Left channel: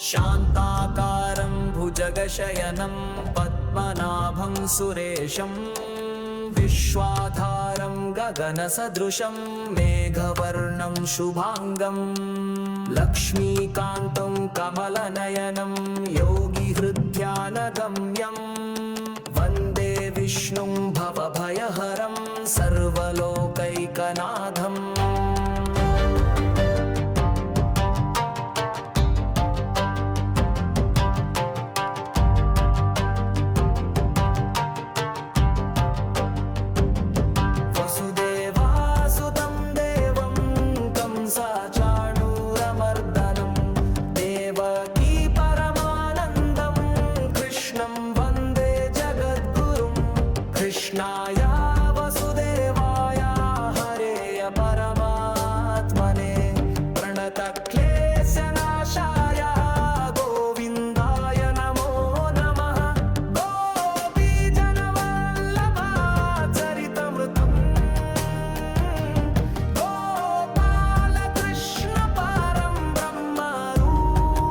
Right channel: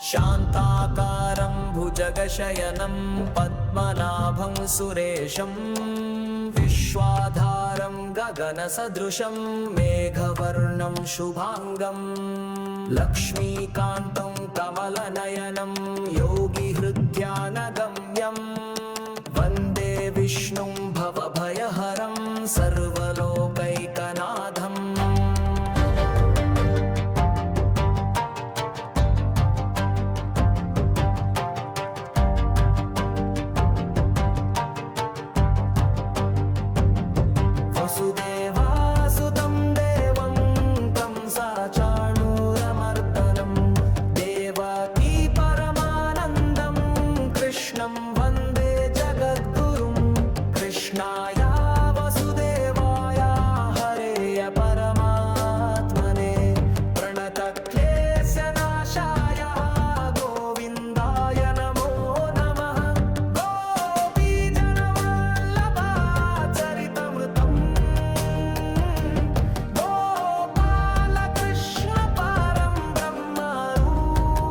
शान्ताकारं भुजगशयनं पद्मनाभं सुरेशं विश्वाधारं गगनसदृशं मेघवर्णं शुभांगं लक्ष्मीकान्तं कमलनयनं योगिहृद्यानगम्यं वन्दे विष्णुं भवभयहरं सर्वलोकैकनाथम्। वसुदेवासुतं देवं कंसाचाणूरमर्दनं देवकी परमानन्दं कृष्णं वन्दे जगद्गुरुं। कृष्णाय वसुदेवाय हरेय परमात्मने प्रणतक्लेशनाशाय गोविन्दाय नमो नमः। गोपीजनवल्लभाचरितमृतं गोपालकृष्णपारं ब्रह्मरूपं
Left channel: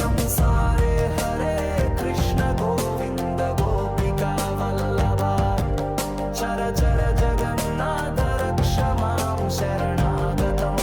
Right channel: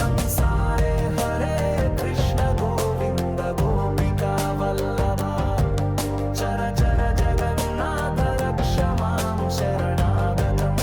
कंसारे हरे कृष्ण गोविन्द गोपिकावल्लभा चर चर जगन्नाथ रक्ष मां शरणागतम्।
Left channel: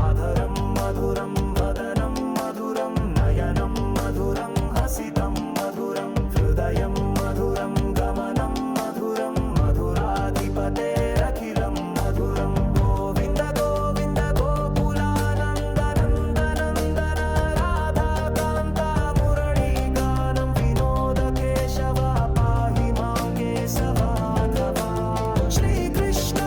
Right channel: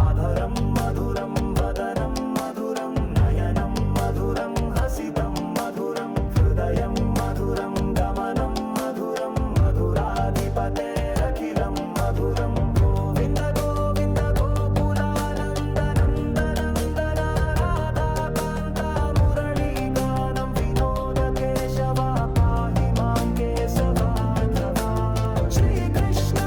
आधरं मधुरं वदनं मधुरं नयनं मधुरं हसितं मधुरं हृदयं मधुरं गमनं मधुरं मधुराधिपतेरखिलं मधुरं। गोविन्द गोविन्द गोकुलानन्दनन्दनन्दन राधाकान्ता मुरळीगानं विनोद केशव पाहि मां केशवाधवा। श्रीकृष्ण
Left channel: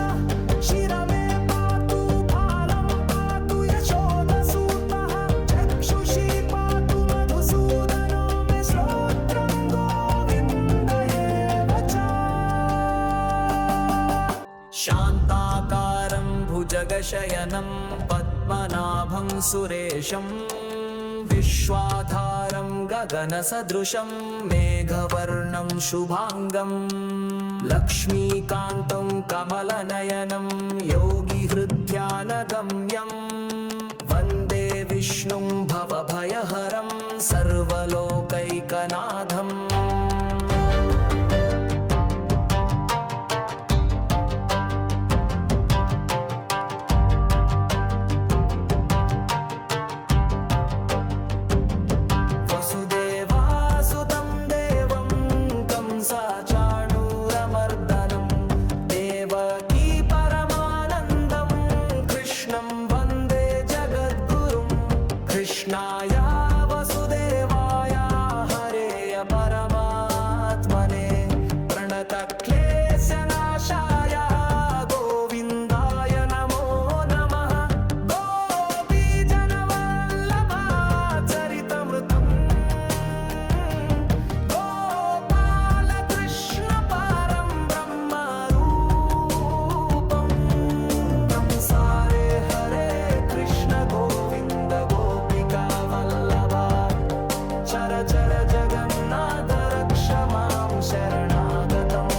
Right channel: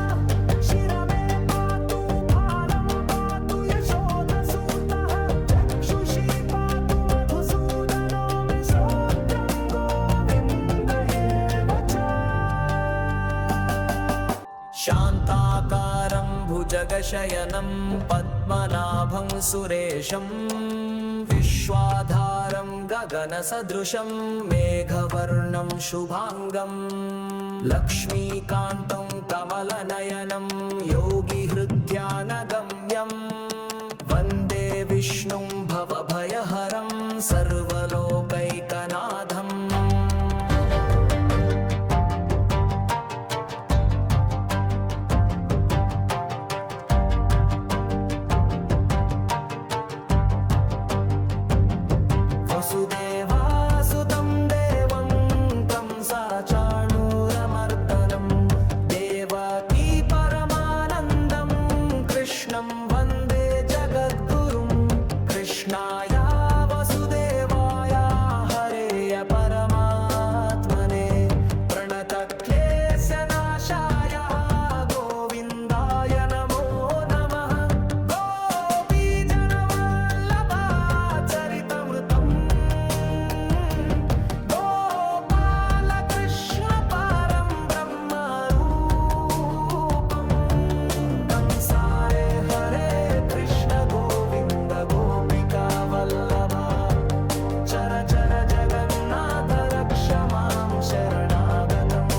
शिरमे पातु फालं पातु यशोदसूतः चक्षुषी पातु मधुसूदनो मे श्रोत्रं गोविन्द एव च। शान्ताकारं भुजगशयनं पद्मनाभं सुरेशं विश्वाधारं गगनसदृशं मेघवर्णं शुभांगं लक्ष्मीकान्तं कमलनयनं योगिहृद्यानगम्यं वन्दे विष्णुं भवभयहरं सर्वलोकैकनाथम्। वसुदेवासुतं देवं कंसाचाणूरमर्दनं देवकी परमानन्दं कृष्णं वन्दे जगद्गुरुं। कृष्णाय वसुदेवाय हरेय परमात्मने प्रणतक्लेशनाशाय गोविन्दाय नमो नमः। गोपीजनवल्लभाचरितमृतं गोपालकृष्णपारं ब्रह्मरूपं कंसारे हरे कृष्ण गोविन्द गोपिकावल्लभा चर चर जगन्नाथ रक्ष मां शरणागतम्।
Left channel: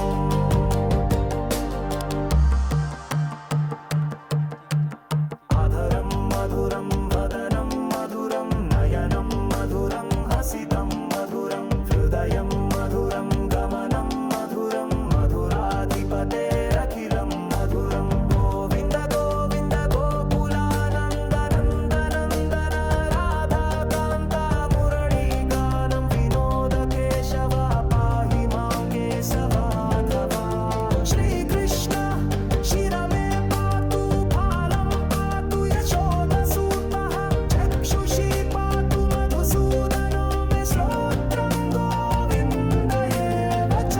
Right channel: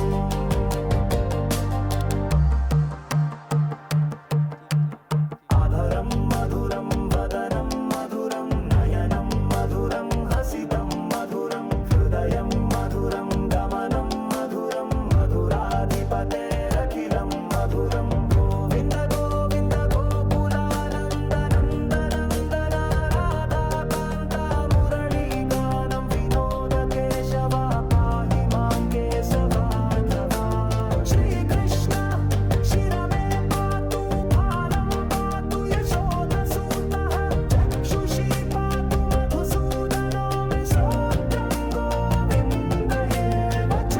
आधरं मधुरं वदनं मधुरं नयनं मधुरं हसितं मधुरं हृदयं मधुरं गमनं मधुरं मधुराधिपतेरखिलं मधुरं। गोविन्द गोविन्द गोकुलानन्दनन्दनन्दन राधाकान्ता मुरळीगानं विनोद केशव पाहि मां केशवाधवा। श्रीकृष्ण शिरमे पातु फालं पातु यशोदसूतः चक्षुषी पातु मधुसूदनो मे श्रोत्रं गोविन्द एव च।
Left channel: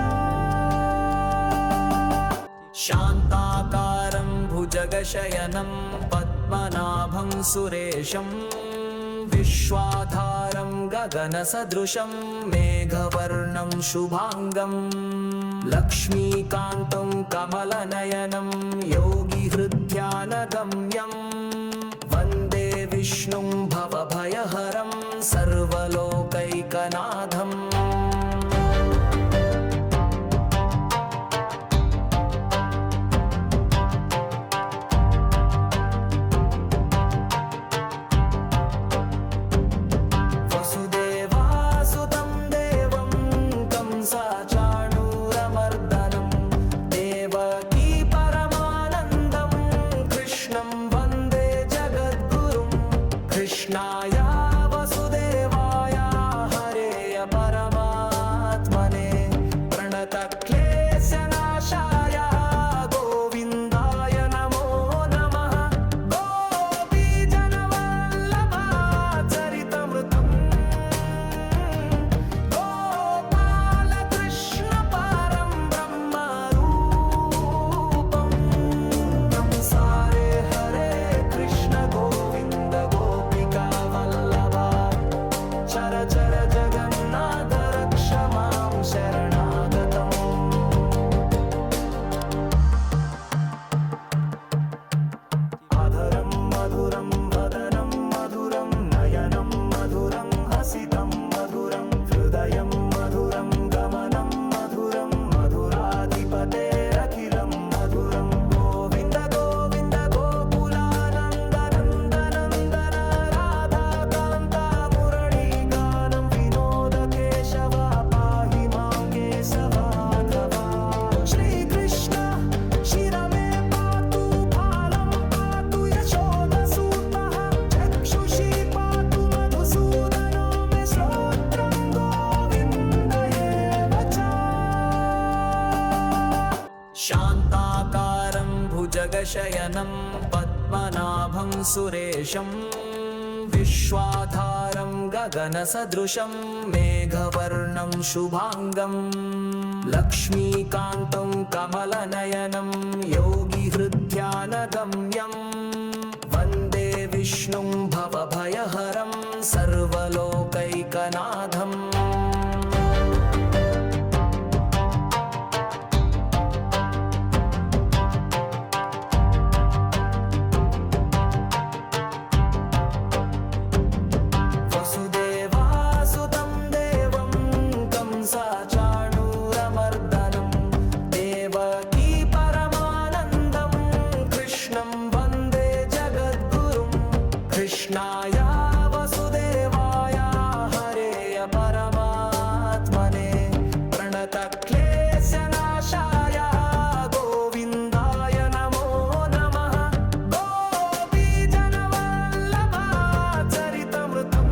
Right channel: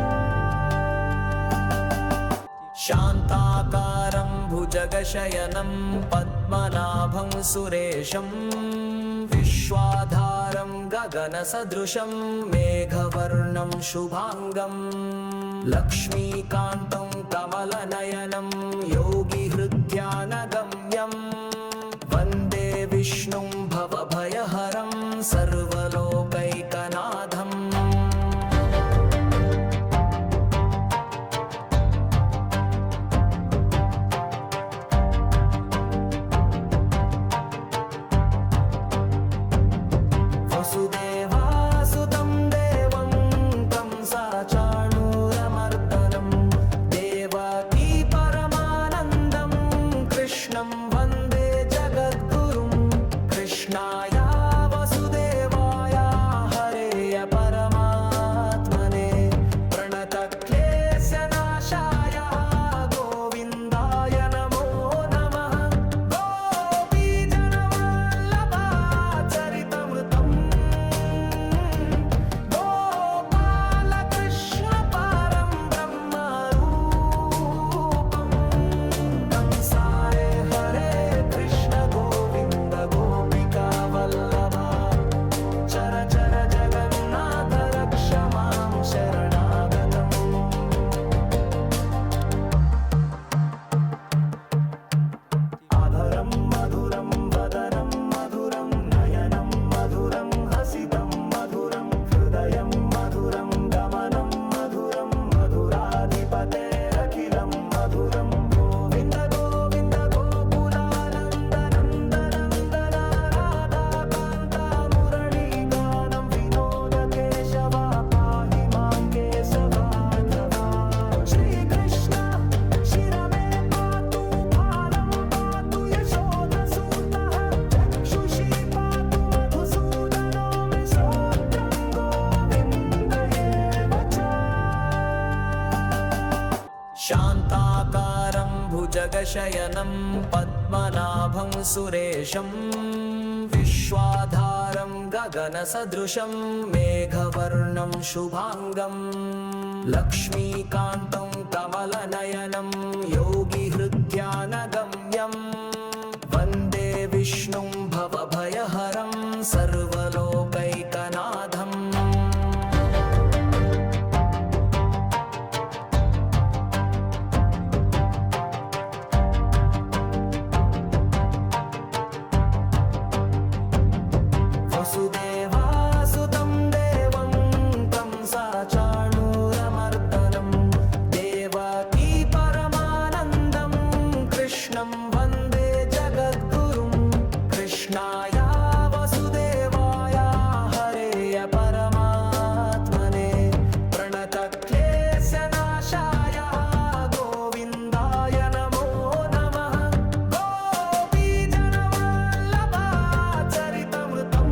शान्ताकारं भुजगशयनं पद्मनाभं सुरेशं विश्वाधारं गगनसदृशं मेघवर्णं शुभांगं लक्ष्मीकान्तं कमलनयनं योगिहृद्यानगम्यं वन्दे विष्णुं भवभयहरं सर्वलोकैकनाथम्। वसुदेवासुतं देवं कंसाचाणूरमर्दनं देवकी परमानन्दं कृष्णं वन्दे जगद्गुरुं कृष्णाय वसुदेवाय हरेय परमात्मने प्रणतक्लेशनाशाय गोविन्दाय नमो नमः गोपीजनवल्लभाचरितमृतं गोपालकृष्णपारं ब्रह्मरूपं कंसारे हरे कृष्ण गोविन्द गोपिकावल्लभा चर चर जगन्नाथ रक्ष मां शरणागतम् आधरं मधुरं वदनं मधुरं नयनं मधुरं हसितं मधुरं हृदयं मधुरं गमनं मधुरं मधुराधिपतेरखिलं मधुरं गोविन्द गोविन्द गोकुलानन्दनन्दनन्दन राधाकान्ता मुरळीगानं विनोद केशव पाहि मां केशवाधवा श्रीकृष्ण शिरमे पातु फालं पातु यशोदसूतः चक्षुषी पातु मधुसूदनो मे श्रोत्रं गोविन्द एव च शान्ताकारं भुजगशयनं पद्मनाभं सुरेशं विश्वाधारं गगनसदृशं मेघवर्णं शुभाङ्गं लक्ष्मीकान्तं कमलनयनं योगिहृद्यानगम्यं वन्दे विष्णुं भवभयहरं सर्वलोकैकनाथम् वसुदेवासुतं देवं कंसाचाणूरमर्दनं देवकी परमानन्दं कृष्णं वन्दे जगद्गुरुं कृष्णाय वसुदेवाय हरेय परमात्मने प्रणतक्लेशनाशाय गोविन्दाय नमो नमः गोपीजनवल्लभाचरितमृतं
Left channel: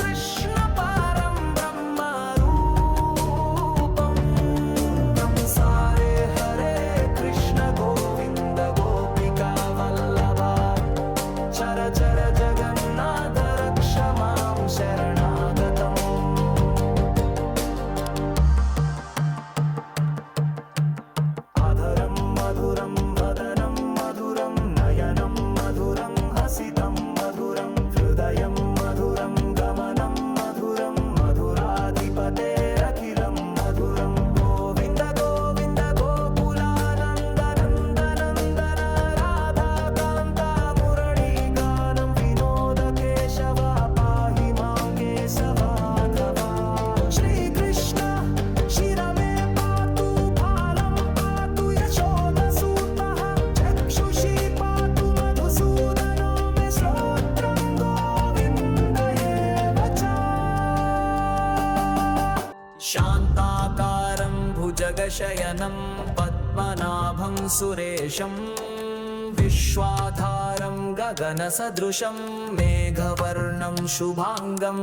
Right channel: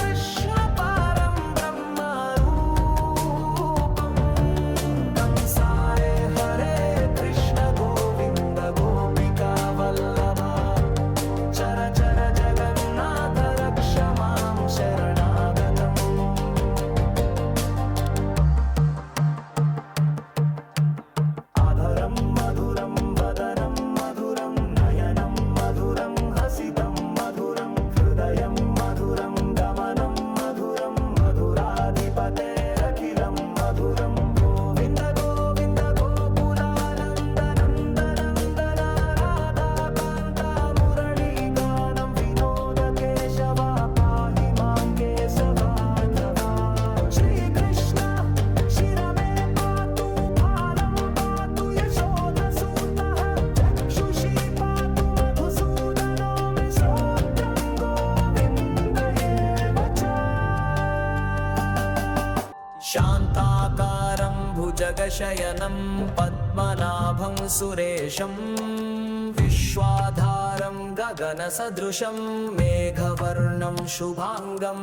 गोपालकृष्णपारं ब्रह्मरूपं कंसारे हरे कृष्ण गोविन्द गोपिकावल्लभा चर चर जगन्नाथ रक्ष मां शरणागतम् आधरं मधुरं वदनं मधुरं नयनं मधुरं हसितं मधुरं हृदयं मधुरं गमनं मधुरं मधुराधिपतेरखिलं मधुरं गोविन्द गोविन्द गोकुलानन्दनन्दनन्दन राधाकान्ता मुरळीगानं विनोद केशव पाहि मां केशवाधवा श्रीकृष्ण शिरमे पातु फालं पातु यशोदसूतः चक्षुषी पातु मधुसूदनो मे श्रोत्रं गोविन्द एव च शान्ताकारं भुजगशयनं पद्मनाभं सुरेशं विश्वाधारं गगनसदृशं मेघवर्णं शुभाङ्गं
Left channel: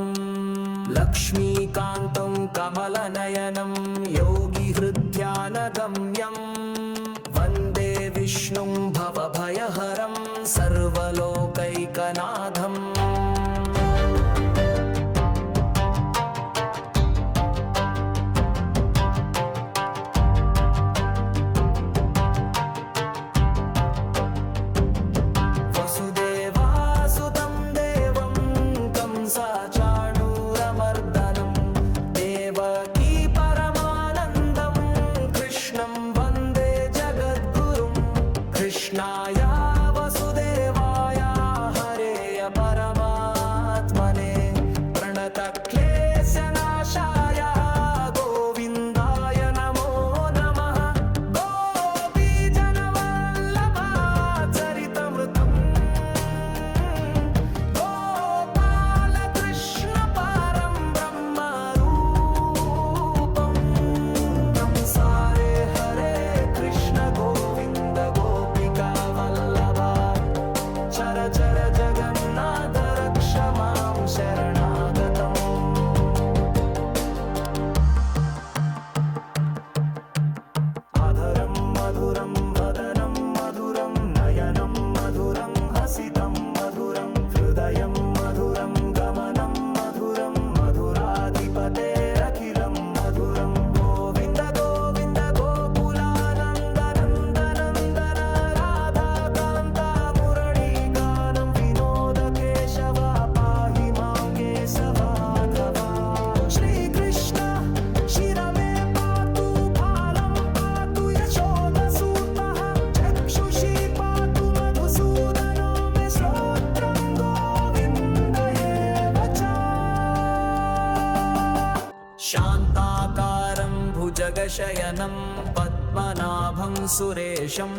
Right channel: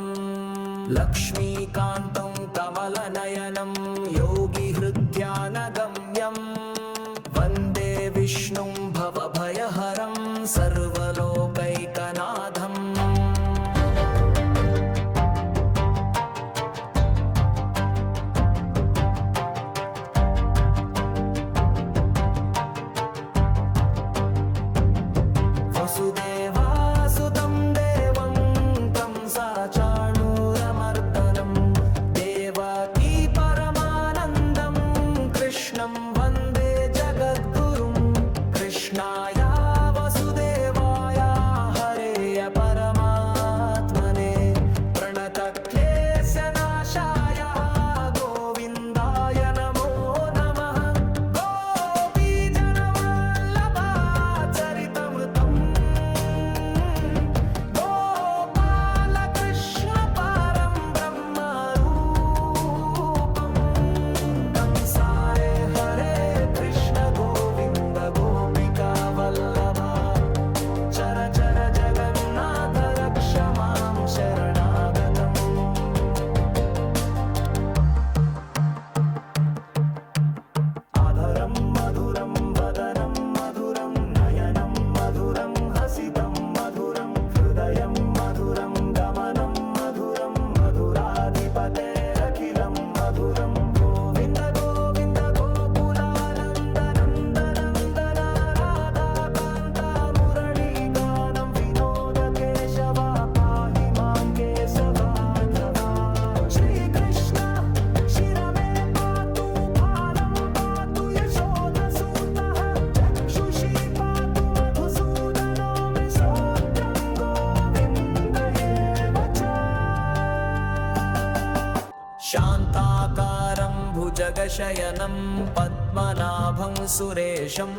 लक्ष्मीकान्तं कमलनयनं योगिहृद्यानगम्यं वन्दे विष्णुं भवभयहरं सर्वलोकैकनाथम् वसुदेवासुतं देवं कंसाचाणूरमर्दनं देवकी परमानन्दं कृष्णं वन्दे जगद्गुरुं कृष्णाय वसुदेवाय हरेय परमात्मने प्रणतक्लेशनाशाय गोविन्दाय नमो नमः गोपीजनवल्लभाचरितमृतं शरणागतम् आधरं मधुरं वदनं मधुरं नयनं मधुरं हसितं मधुरं हृदयं मधुरं गमनं मधुरं मधुराधिपतेरखिलं मधुरं गोविन्द गोविन्द गोकुलानन्दनन्दनन्दन राधाकान्ता मुरळीगानं विनोद केशव पाहि मां केशवाधवा श्रीकृष्ण शिरमे पातु भालं पातु यशोधसूतः चक्षुषी पातु मधुसूदनो मे श्रोत्रं गोविन्द एव च शान्ताकारं भुजगशयनं पद्मनाभं सुरेशं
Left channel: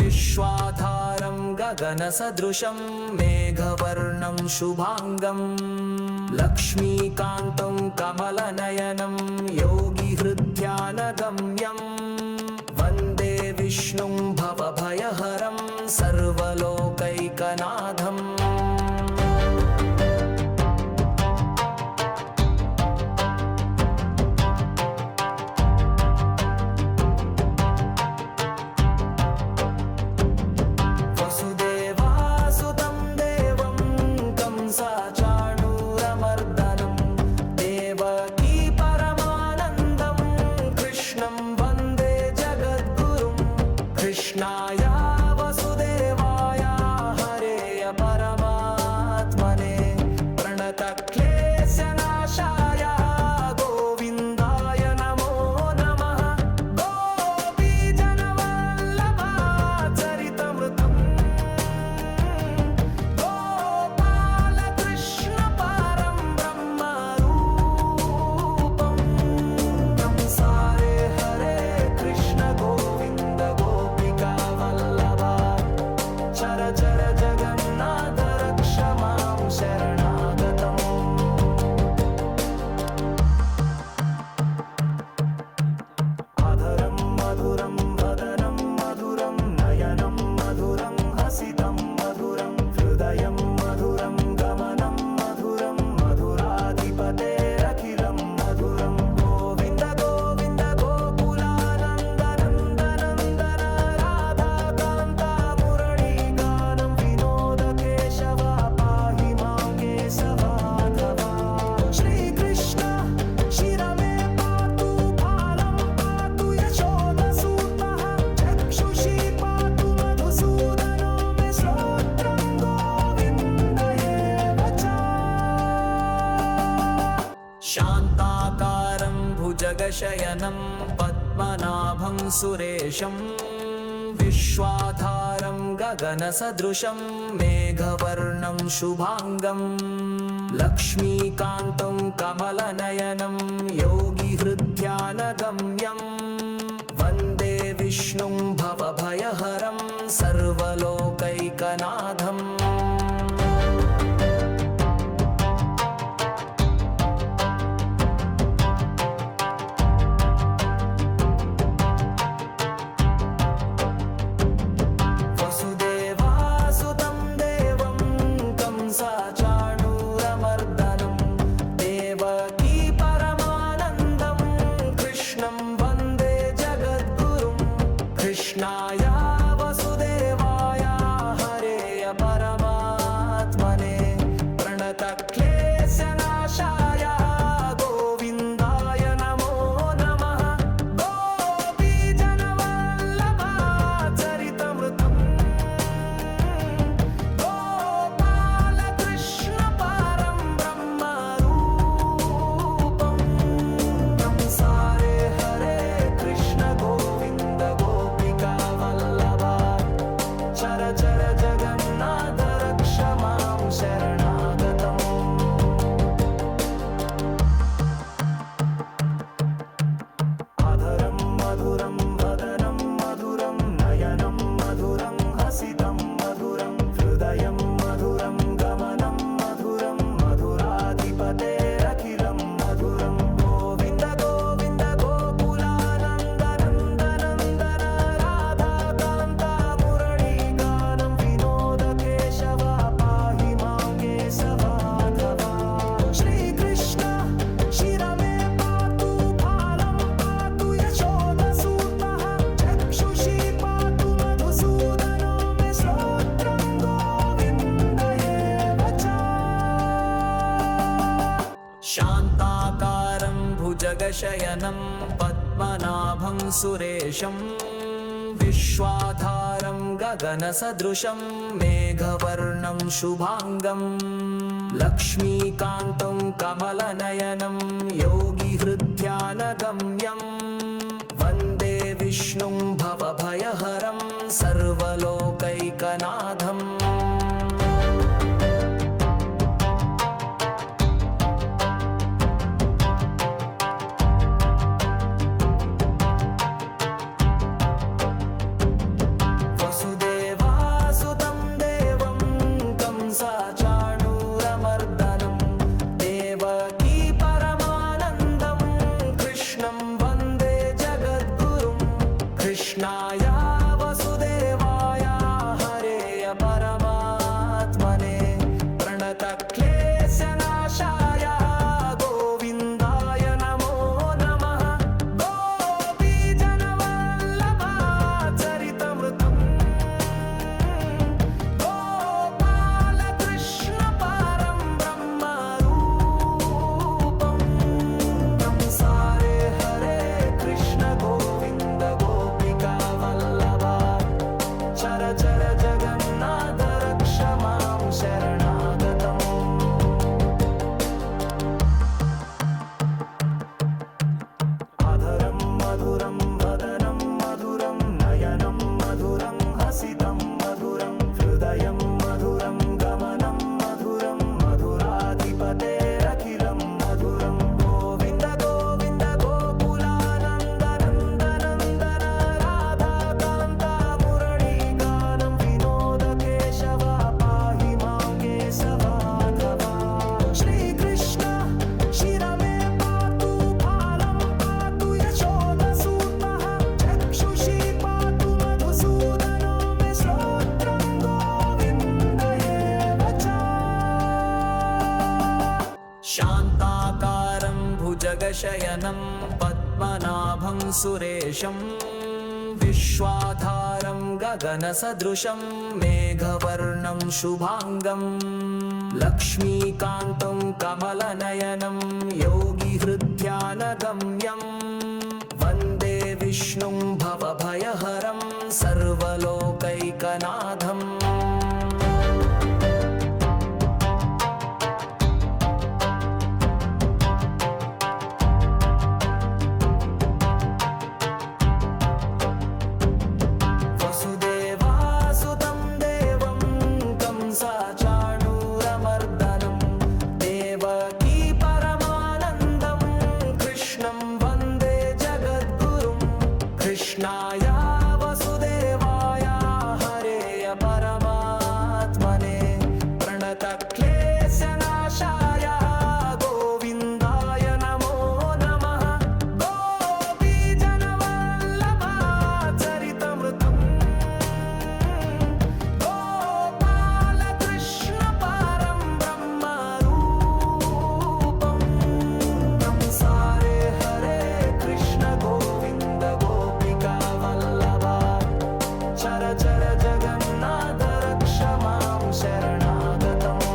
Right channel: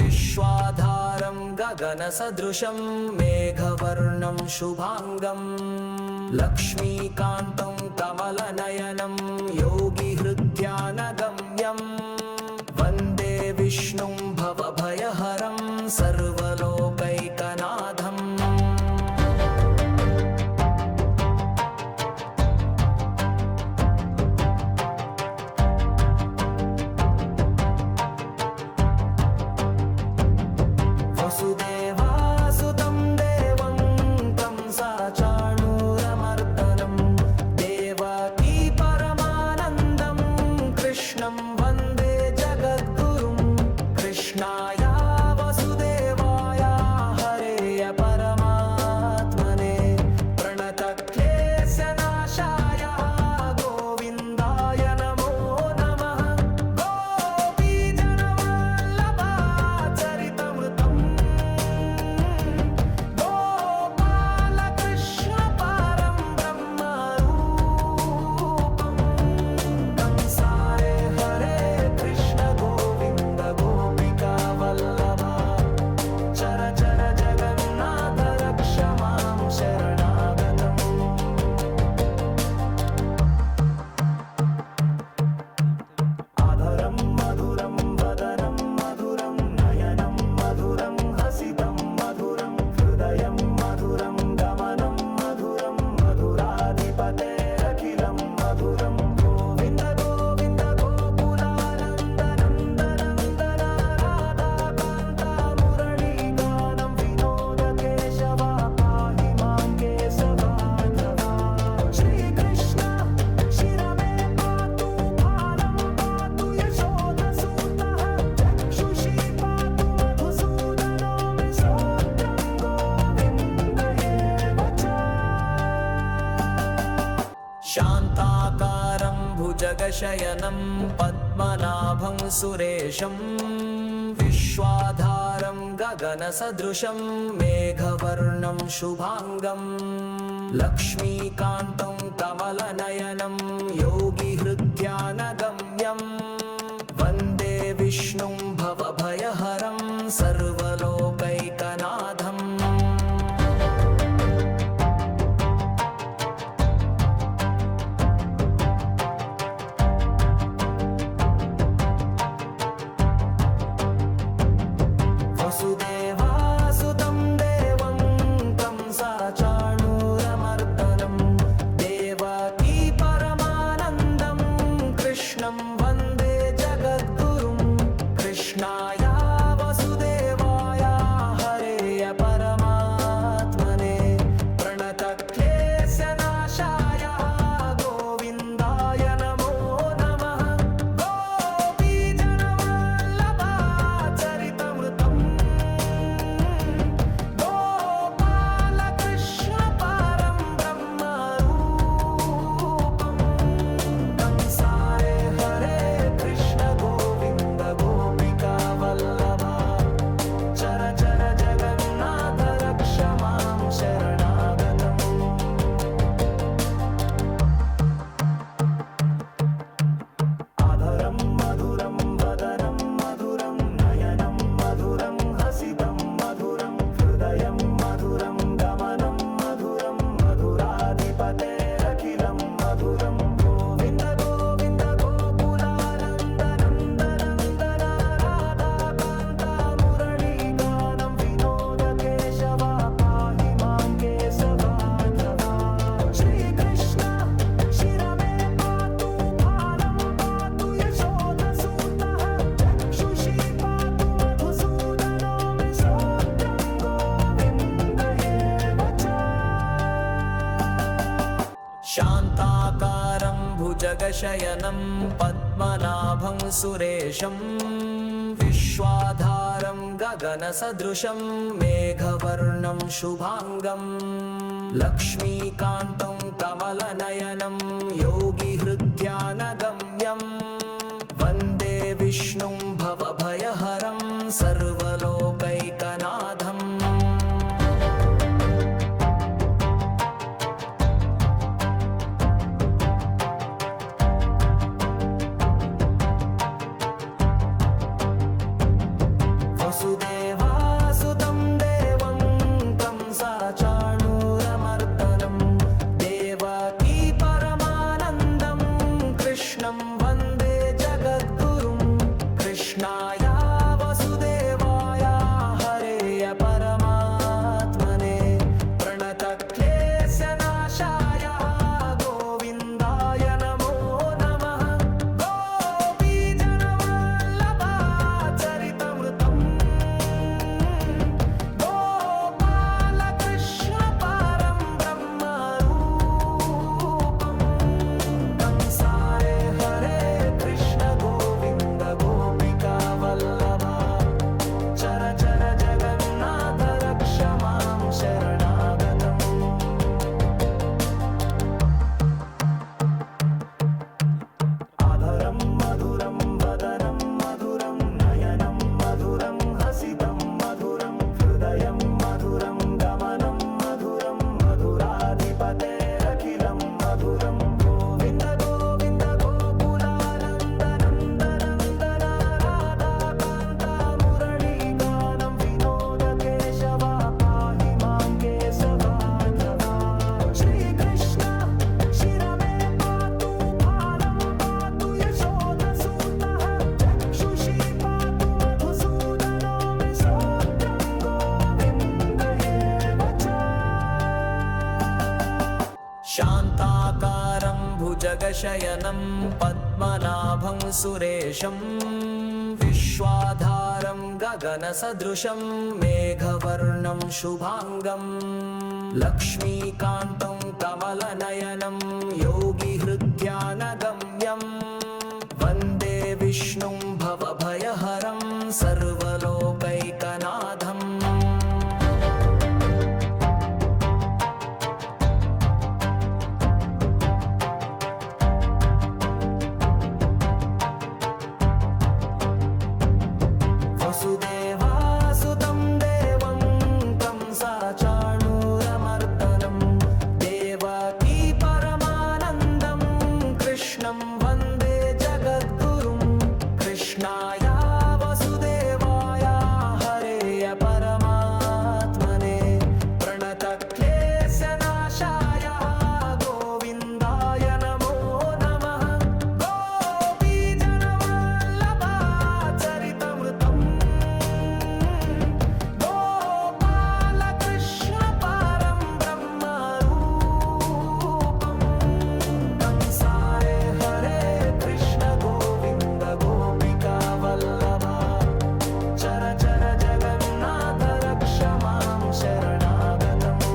विश्वाधारं गगनसदृशं मेघवर्णं शुभाङ्गं लक्ष्मीकान्तं कमलनयनं योगिहृद्यानगम्यं वन्दे विष्णुं भवभयहरं सर्वलोकैकनाथम् वसुदेवासुतं देवं कंसाचाणूरमर्दनं देवकी परमानन्दं कृष्णं वन्दे जगद्गुरुं कृष्णाय वसुदेवाय हरेय परमात्मने प्रणतक्लेशनाशाय गोविन्दाय नमो नमः गोपीजनवल्लभाचरितमृतं गोपालकृष्णपारं ब्रह्मरूपं कंसारे हरे कृष्ण गोविन्द गोपिकावल्लभा चर चर जगन्नाथ रक्ष मां शरणागतम् आधरं मधुरं वदनं मधुरं नयनं मधुरं हसितं मधुरं हृदयं मधुरं गमनं मधुरं मधुराधिपतेरखिलं मधुरं गोविन्द गोविन्द गोकुलानन्दनन्दनन्दन राधाकान्ता मुरळीगानं विनोद केशव पाहि मां केशवाधवा श्रीकृष्ण शिरमे पातु भालं पातु यशोधसूतः चक्षुषी पातु मधुसूदनो मे श्रोत्रं गोविन्द एव च शान्ताकारं भुजगशयनं पद्मनाभं सुरेशं विश्वाधारं गगनसदृशं मेघवर्णं शुभाङ्गं लक्ष्मीकान्तं कमलनयनं योगिहृद्यानगम्यं वन्दे विष्णुं भवभयहरं सर्वलोकैकनाथम् वसुदेवासुतं देवं कंसाचाणूरमर्दनं देवकी परमानन्दं कृष्णं वन्दे जगद्गुरुं कृष्णाय वसुदेवाय हरेय परमात्मने प्रणतक्लेशनाशाय गोविन्दाय नमो नमः गोपीजनवल्लभाचरितमृतं गोपालकृष्णपारं ब्रह्मरूपं कंसारे हरे कृष्ण गोविन्द गोपिकावल्लभा चर चर जगन्नाथ रक्ष मां शरणागतम् आधरं मधुरं वदनं मधुरं नयनं मधुरं हसितं मधुरं हृदयं मधुरं गमनं मधुरं मधुराधिपतेरखिलं मधुरं गोविन्द गोविन्द गोकुलानन्दनन्दनन्दन राधाकान्ता मुरळीगानं विनोद केशव पाहि मां भुजगशयनं पद्मनाभं सुरेशं विश्वाधारं गगनसदृशं मेघवर्णं शुभांगं लक्ष्मीकान्तं कमलनयनं योगिहृद्यानगम्यं वन्दे विष्णुं भवभयहरं सर्वलोकैकनाथम् वसुदेवासुतं देवं कंसाचाणूरमर्दनं देवकी परमानन्दं कृष्णं वन्दे जगद्गुरुं कृष्णाय वसुदेवाय हरेय परमात्मने प्रणतक्लेशनाशाय गोविन्दाय नमो नमः गोपीजनवल्लभाचरितमृतम् गोपालकृष्णपारं ब्रह्मरूपं कंसारे हरे कृष्ण गोविन्द गोपिकावल्लभा चर चर जगन्नाथ रक्ष मां शरणागतम् आधरं मधुरं वदनं मधुरं नयनं मधुरं हसितं मधुरं हृदयं मधुरं गमनं मधुरं मधुराधिपतेरखिलं मधुरं गोविन्द गोविन्द गोकुलानन्द नन्द नन्दन राधाकान्त मुरळीगानं विनोद केशव पाहि मां केशवाधवा श्रीकृष्ण शिरमे पातु फालं पातु यशोदसूतः चक्षुषी पातु मधुसूदनो मे श्रोत्रं गोविन्द एव च शान्ताकारं भुजगशयनं पद्मनाभं सुरेशं विश्वाधारं गगनसदृशं मेघवर्णं शुभांगं लक्ष्मीकान्तं कमलनयनं योगिहृद्यानगम्यं वन्दे विष्णुं भवभयहरं सर्वलोकैकनाथम् वसुदेवासुतं देवं कंसाचाणूरमर्दनं देवकी परमानन्दं कृष्णं वन्दे जगद्गुरुं कृष्णाय वसुदेवाय हरेय परमात्मने प्रणतक्लेशनाशाय गोविन्दाय नमो नमः गोपीजनवल्लभाचरितमृतम् गोपालकृष्णपारं ब्रह्मरूपं कंसारे हरे कृष्ण गोविन्द गोपिकावल्लभा चर चर जगन्नाथ रक्ष मां शरणागतम्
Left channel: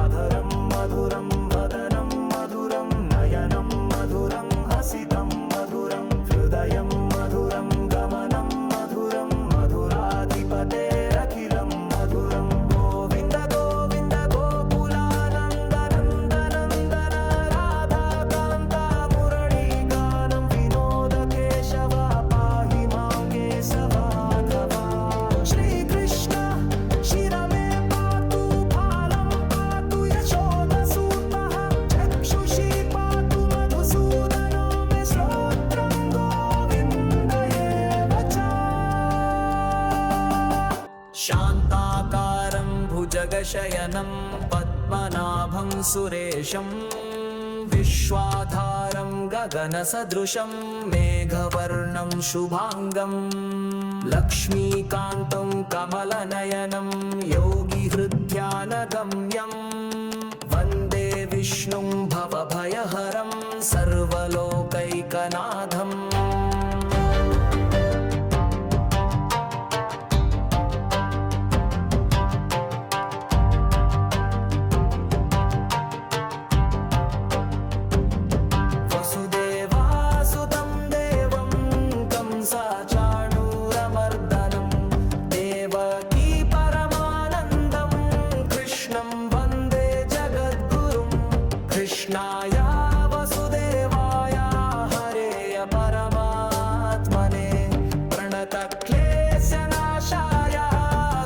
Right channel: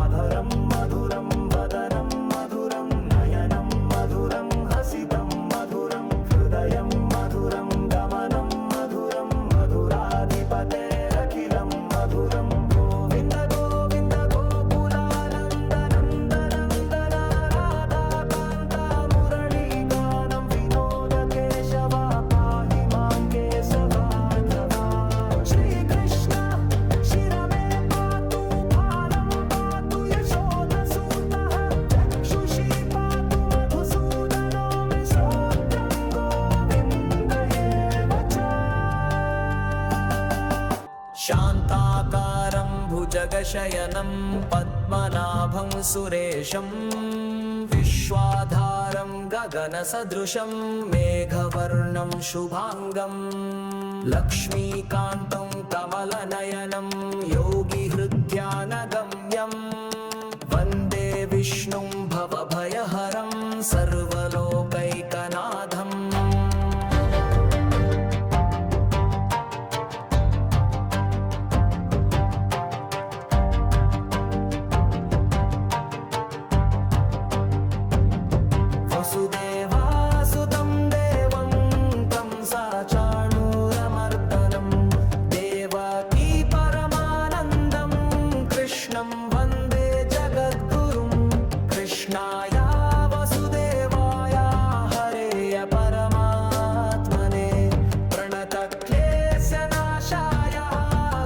आधरं मधुरं वदनं मधुरं नयनं मधुरं हसितं मधुरं हृदयं मधुरं गमनं मधुरं मधुराधिपतेरखिलं मधुरं गोविन्द गोविन्द गोकुलानन्द नन्द नन्दन राधाकान्त मुरळीगानं विनोद केशव पाहि मां केशवाधवा श्रीकृष्ण शिरमे पातु फालं पातु यशोदसूतः चक्षुषी पातु मधुसूदनो मे श्रोत्रं गोविन्द एव च शान्ताकारं भुजगशयनं पद्मनाभं सुरेशं विश्वाधारं गगनसदृशं मेघवर्णं शुभांगं लक्ष्मीकान्तं कमलनयनं योगिहृद्यानगम्यं वन्दे विष्णुं भवभयहरं सर्वलोकैकनाथम् वसुदेवासुतं देवं कंसाचाणूरमर्दनं देवकी परमानन्दं कृष्णं वन्दे जगद्गुरुं कृष्णाय वसुदेवाय हरेय परमात्मने प्रणतक्लेशनाशाय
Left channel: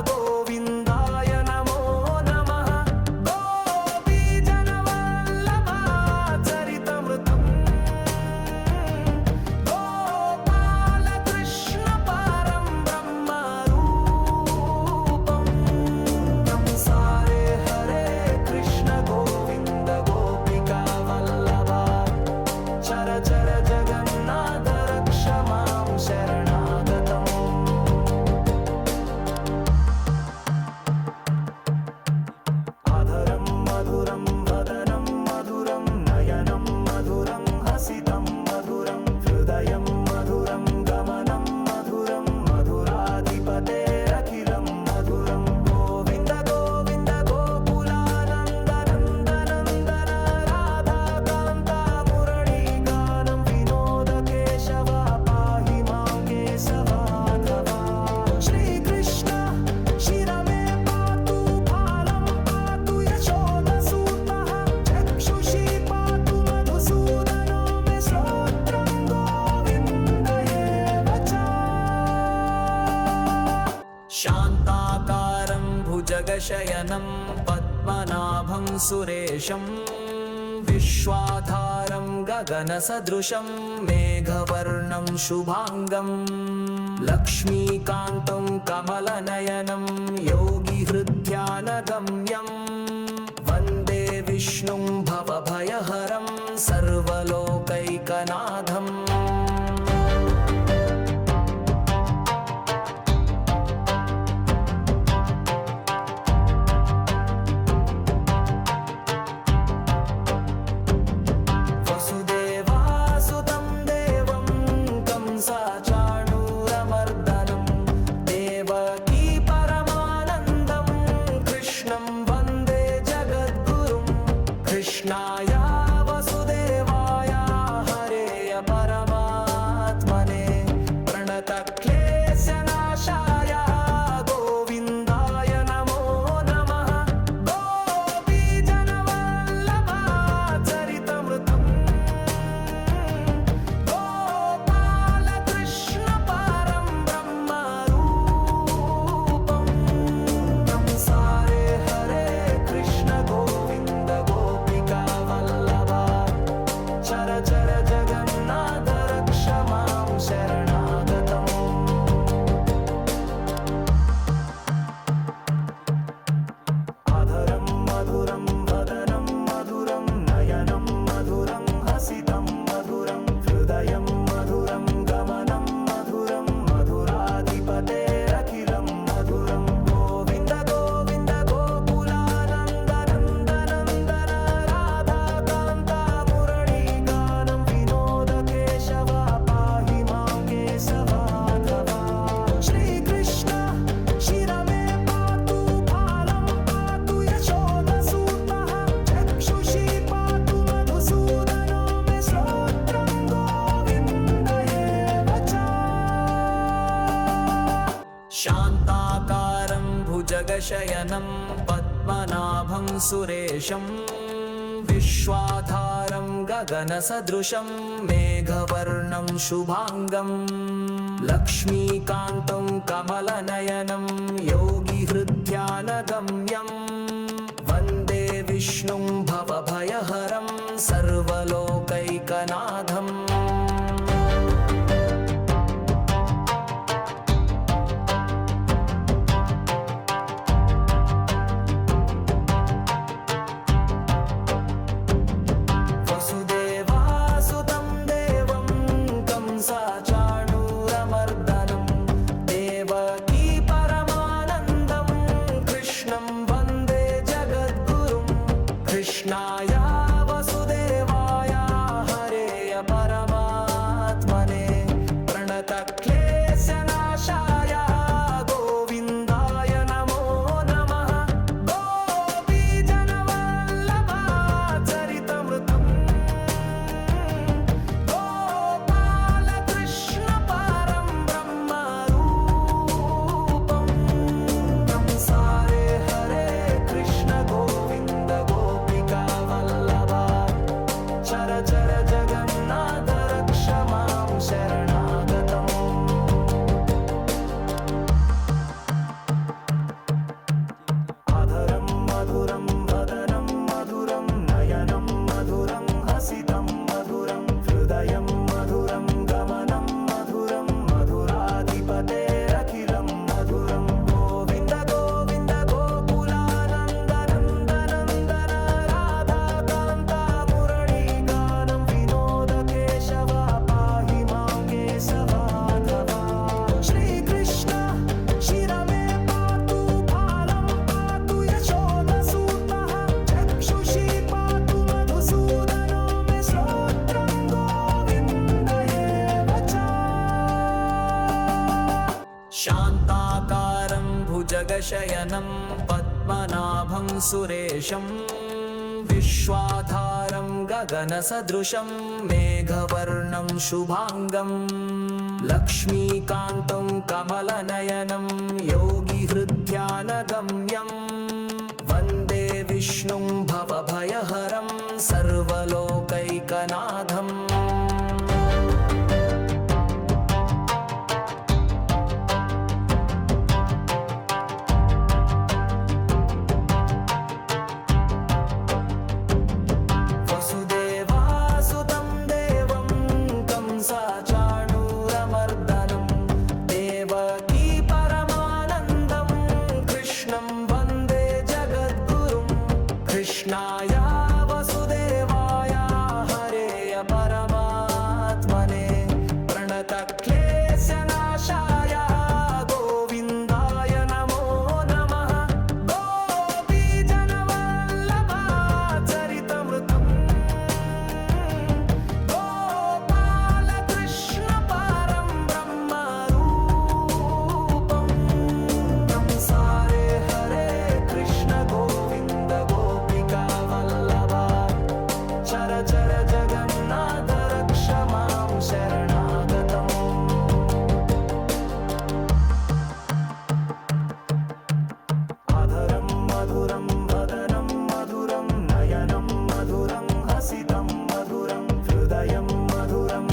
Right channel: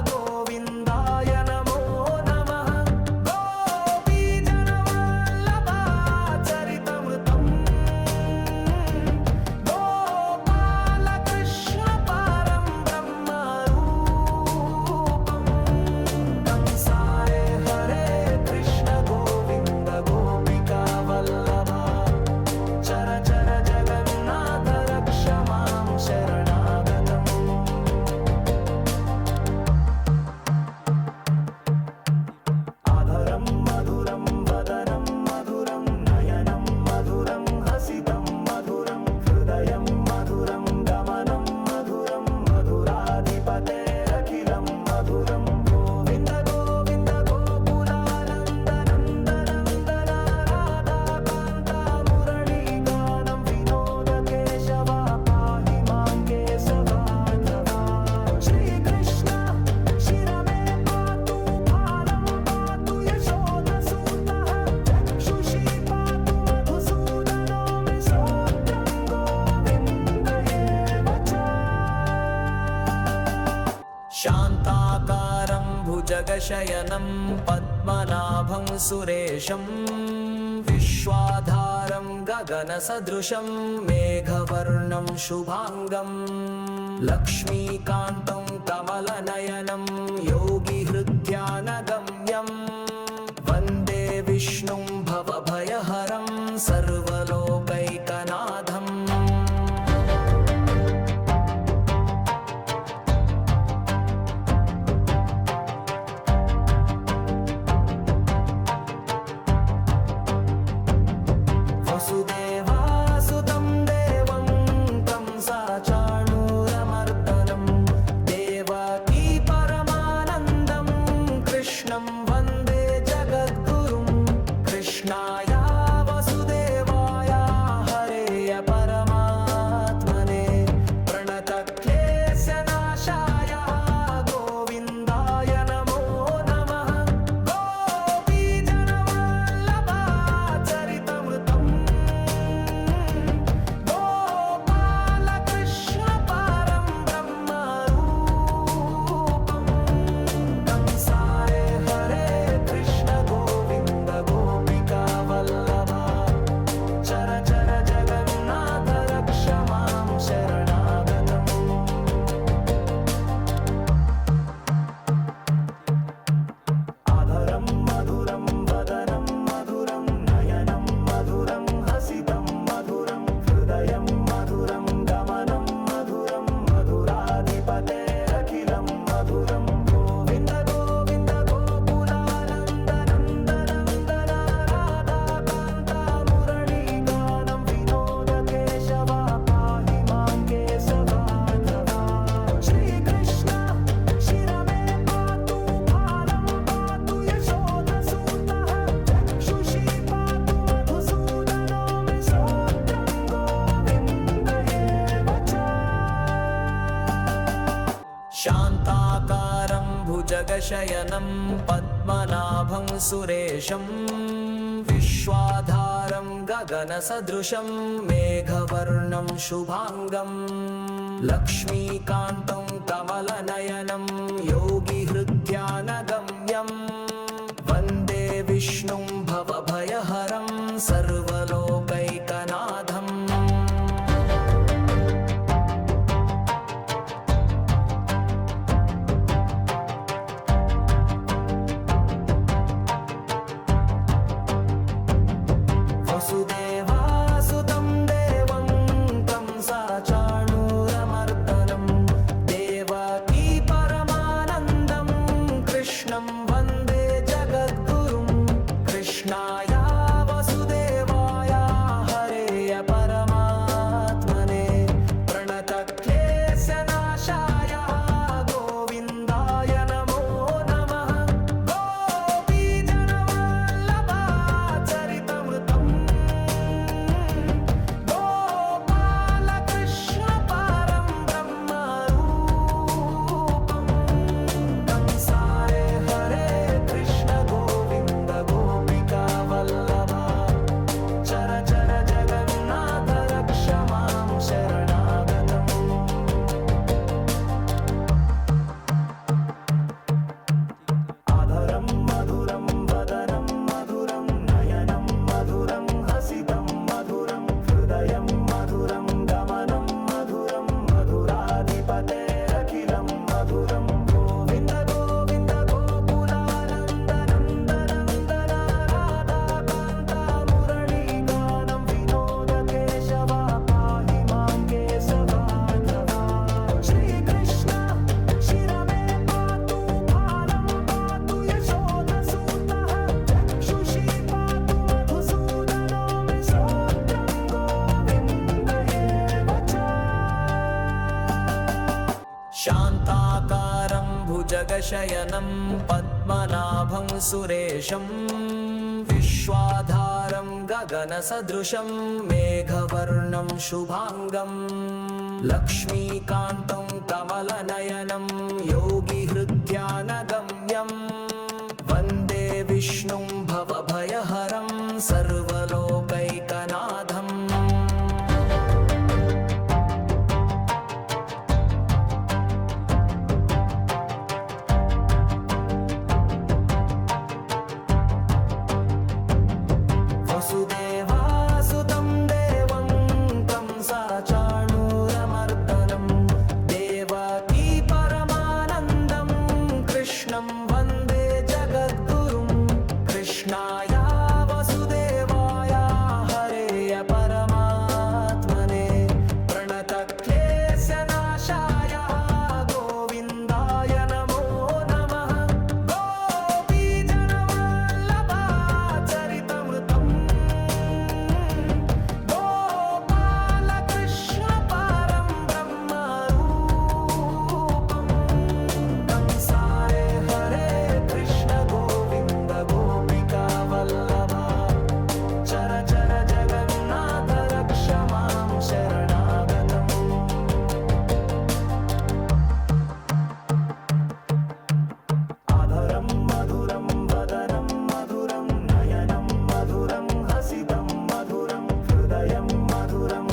गोविन्दाय नमो नमः गोपीजनवल्लभाचरितमृतं गोपालकृष्णपारं ब्रह्मरूपं कंसारे हरे कृष्ण गोविन्द गोपिकावल्लभा चर चर जगन्नाथ रक्ष मां शरणागतम् आधरं मधुरं वदनं मधुरं नयनं मधुरं हसितं मधुरं हृदयं मधुरं गमनं मधुरं मधुराधिपतेरखिलं मधुरं गोविन्द गोविन्द गोकुलानन्दनन्दनन्दन राधाकान्ता मुरळीगानं विनोद केशव पाहि मां केशवाधवा श्रीकृष्ण शिरमे पातु फालं पातु यशोदसूतः चक्षुषी पातु मधुसूदनो मे श्रोत्रं गोविन्द एव च शान्ताकारं भुजगशयनं पद्मनाभं सुरेशं विश्वाधारं गगनसदृशं मेघवर्णं शुभाङ्गं लक्ष्मीकान्तं कमलनयनं योगिहृद्यानगम्यं वन्दे विष्णुं भवभयहरं सर्वलोकैकनाथम् वसुदेवासुतं देवं कंसाचाणूरमर्दनं देवकी परमानन्दं कृष्णं वन्दे जगद्गुरुं कृष्णाय वसुदेवाय हरेय परमात्मने प्रणतक्लेशनाशाय गोविन्दाय नमो नमः गोपीजनवल्लभाचरितमृतं गोपालकृष्णपारं ब्रह्मरूपं कंसारे हरे कृष्ण गोविन्द गोपिकावल्लभा चर चर जगन्नाथ रक्ष मां शरणागतम् आधरं मधुरं वदनं मधुरं नयनं मधुरं हसितं मधुरं हृदयं मधुरं गमनं मधुरं मधुराधिपतेरखिलं मधुरं गोविन्द गोविन्द गोकुलानन्दनन्दनन्दन राधाकान्ता मुरळीगानं विनोद केशव पाहि मां केशवाधवा श्रीकृष्ण शिरमे पातु फालं पातु यशोदसूतः चक्षुषी पातु मधुसूदनो मे श्रोत्रं गोविन्द एव च शान्ताकारं भुजगशयनं पद्मनाभं सुरेशं विश्वाधारं गगनसदृशं मेघवर्णं शुभाङ्गं लक्ष्मीकान्तं कमलनयनं योगिहृद्यानगम्यं वन्दे विष्णुं भवभयहरं सर्वलोकैकनाथम् वसुदेवासुतं देवं कंसाचाणूरमर्दनं देवकी परमानन्दं कृष्णं वन्दे जगद्गुरुं कृष्णाय वसुदेवाय हरेय परमात्मने प्रणतक्लेशनाशाय गोविन्दाय नमो नमः गोपीजनवल्लभाचरितमृतं चर जगन्नाथ रक्ष मां शरणागतम् आधरं मधुरं वदनं मधुरं नयनं मधुरं हसितं मधुरं हृदयं मधुरं गमनं मधुरं मधुराधिपतेरखिलं मधुरं गोविन्द गोविन्द गोकुलानन्द नन्द नन्दन राधाकान्ता मुरळीगानं विनोद केशव पाहि मां केशवाधवा श्रीकृष्ण शिरमे पातु फालं पातु यशोदसूतः चक्षुषी पातु मधुसूदनो मे श्रोत्रं गोविन्द एव च शान्ताकारं भुजगशयनं पद्मनाभं सुरेशं विश्वाधारं गगनसदृशं मेघवर्णं शुभाङ्गं लक्ष्मीकान्तं कमलनयनं योगिहृद्यानगम्यं वन्दे विष्णुं भवभयहरं सर्वलोकैकनाथम् वसुदेवासुतं देवं कंसाचाणूरमर्दनं देवकी परमानन्दं कृष्णं वन्दे जगद्गुरुं कृष्णाय वसुदेवाय हरेय परमात्मने प्रणतक्लेशनाशाय गोविन्दाय नमो नमः गोपीजनवल्लभाचरितमृतं गोपालकृष्णपारं ब्रह्मरूपं कंसारे हरे कृष्ण गोविन्द गोपिकावल्लभा चर चर जगन्नाथ रक्ष मां शरणागतम् आधरं मधुरं वदनं मधुरं नयनं मधुरं हसितं मधुरं हृदयं मधुरं